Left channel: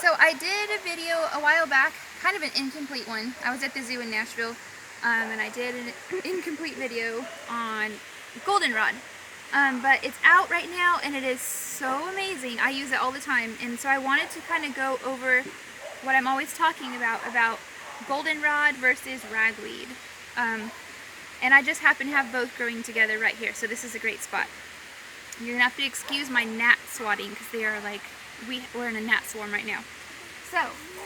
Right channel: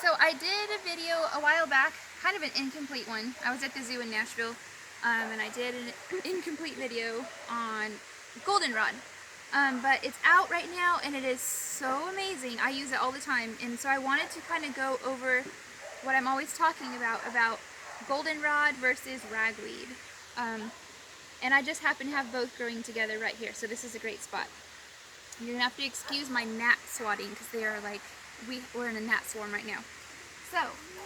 So I did a video a while back, kind of an incomplete one. I was at the zoo in Nashville, and I did an incomplete video on goldenrod. But it's out right now, and it is so amazing. I use it all the time, and so I wanted to kind of go over what I'm always talking about goldenrod versus ragweed. And I just happen to have both growing together right here, so this is a great spot. You're gonna have to excuse my gnat swatting because they are like, we're in a gnat swarm right now. So,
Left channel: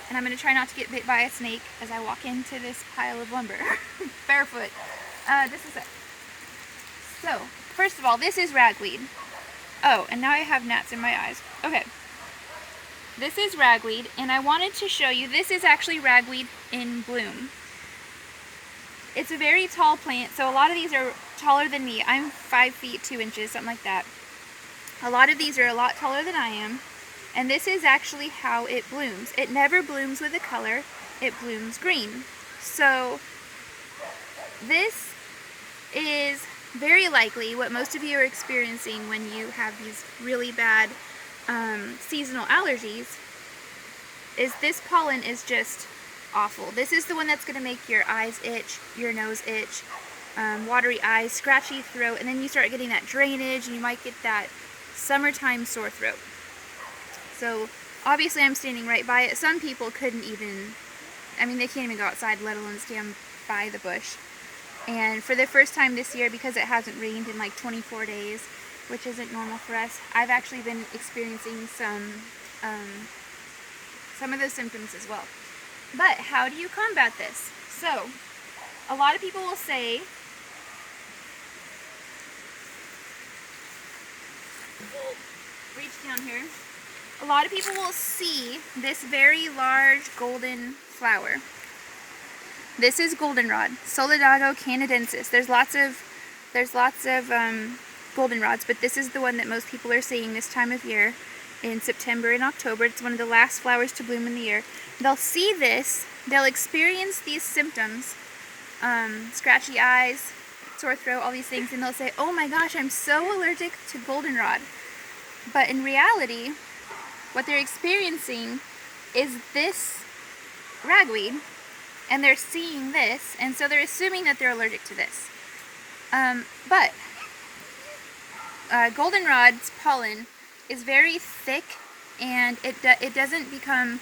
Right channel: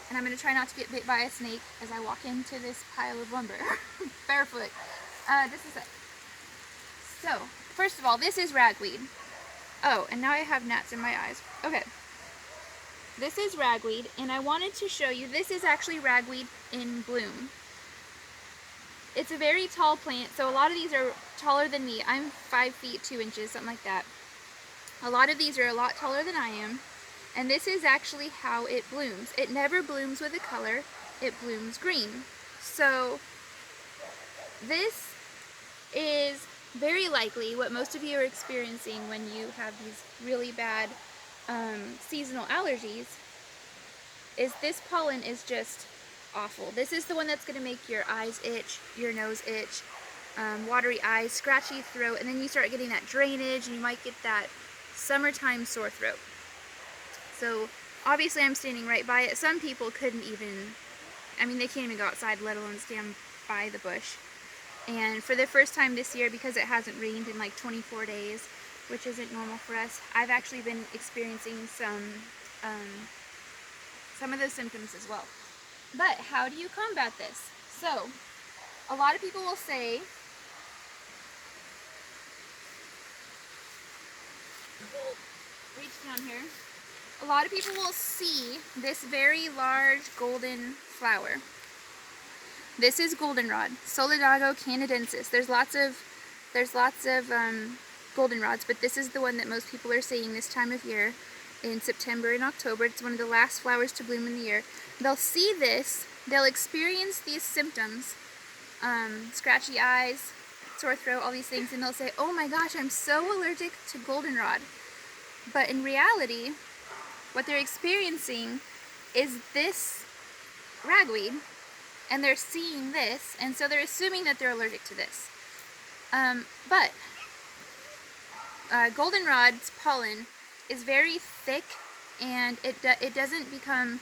and I'm gonna try not to get bit by a snake as I walk into this pile of lumber, barefoot. This is it. So, first of all, this is ragweed. Oh, and now I have gnats in my eyes. Okay. This is ragweed, and I wanted to show you, this is actually ragweed in bloom. It's a very tall plant, so a lot of these are taller than me. I'm 5 feet 2 inches, something like that. A lot of these are a lot taller than I am, and this is actually how it blooms. It never blooms with a color, it blooms green. So this is very likely what most of you are experiencing when you have these really bad seasonal allergies, is this pollen is just awful. This is the one that's going to make your eyes itch, your nose itch, watery eyes, scratchy throat, and then you start getting that drainage and you might get that summertime sore throat. So obviously I'm standing right by it. Some people couldn't even, I mean, they can't even go outside, let alone stand by the bush. And for the first time this year, because it hasn't rained in like 24 days, which isn't normal for us, I've actually been experiencing some of those symptoms as well. But how do you combat this? So, a lot of people will say, reach down here. A lot of people will see this very large golden flower. This is goldenrod, Solidago canadensis. There's lots of goldenrods, but this is the one that most people are seeing this time of year in September and October. It's one of the last flowers to bloom in the year. They'll see this, they'll experience these symptoms, scratchy eyes, sore throat, all these things, and they'll say, oh my gosh, I'm so allergic to goldenrod. But in reality, what they're experiencing is this ragweed, and they're seeing this, and so they're assuming that they're allergic to this. But goldenrod's pollen is very thick, and it doesn't become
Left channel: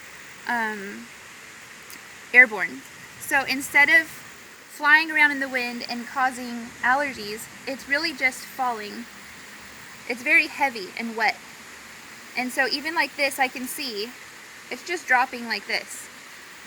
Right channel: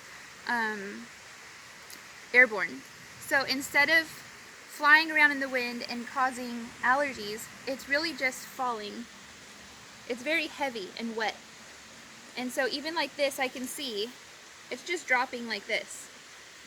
airborne. So instead of flying around in the wind and causing allergies, it's really just falling. It's very heavy and wet. And so even like this, I can see it's just dropping like this.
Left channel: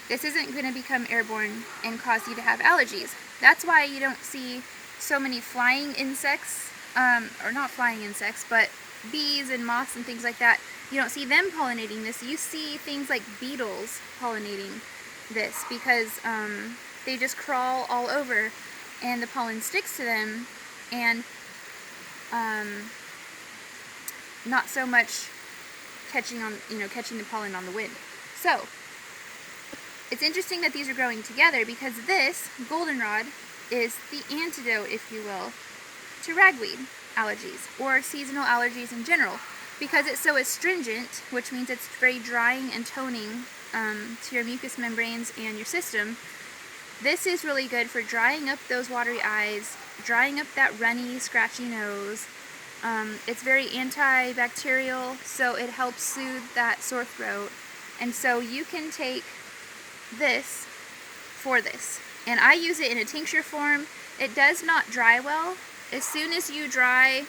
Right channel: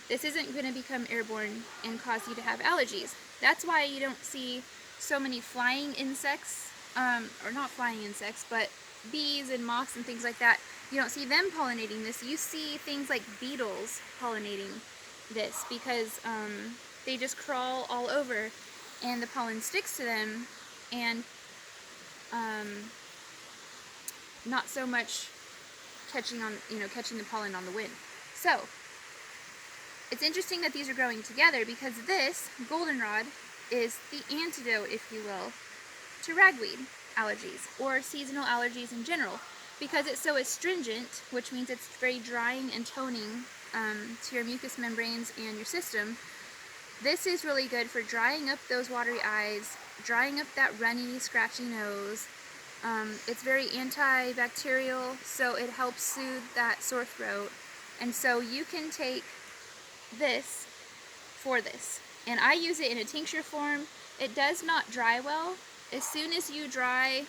This isn't going to become airborne and cause you to have allergies. That's why you don't see so many flying insects, or not flying insects, but bees and moths and things like that. You don't see them pollinating this. You see things like beetles pollinating this because they just crawl all over and the pollen sticks to them, and not so much catching the pollen on the wind. So it's interesting that these are growing together because this goldenrod is the antidote, if you will, to ragweed allergies or seasonal allergies in general, because it's so astringent, which means it's very drying and toning to your mucous membranes and your system. This is really good for drying up those watery eyes, drying up that runny, scratchy nose. It's very antibacterial, so it helps soothe that sore throat. And so you can take this for this. And I use it in a tincture form. It does not dry well. As soon as you dry,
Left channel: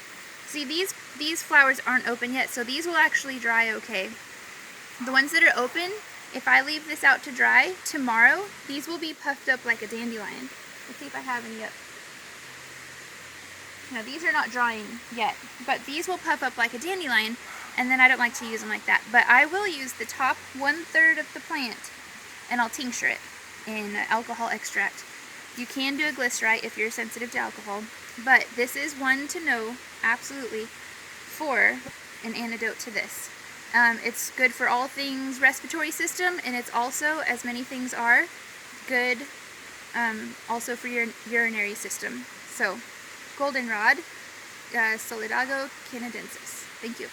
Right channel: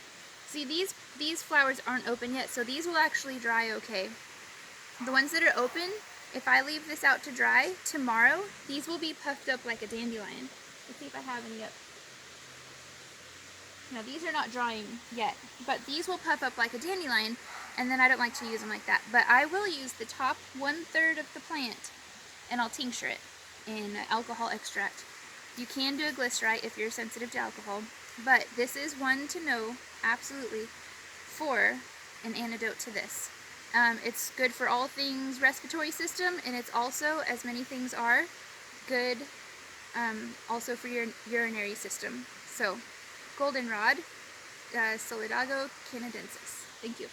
see these flowers aren't open yet, so these will actually dry okay. The ones that are open, if I leave this out to dry, tomorrow, these will be puffed up like a dandelion. Let's see if I have any up. Now these are not drying yet, but these will puff up like a dandelion, and then I don't like to use them like that. But I will use the top 1/3 of the plant, and I'll tincture it in alcohol extract. You can do a glycerite if you're sensitive to alcohol, but this is one to know absolutely for an antidote to this. It's good for all things respiratory system, and it's also, as many things are, good also for your urinary system. So goldenrod, Solidago canadensis. Thank you.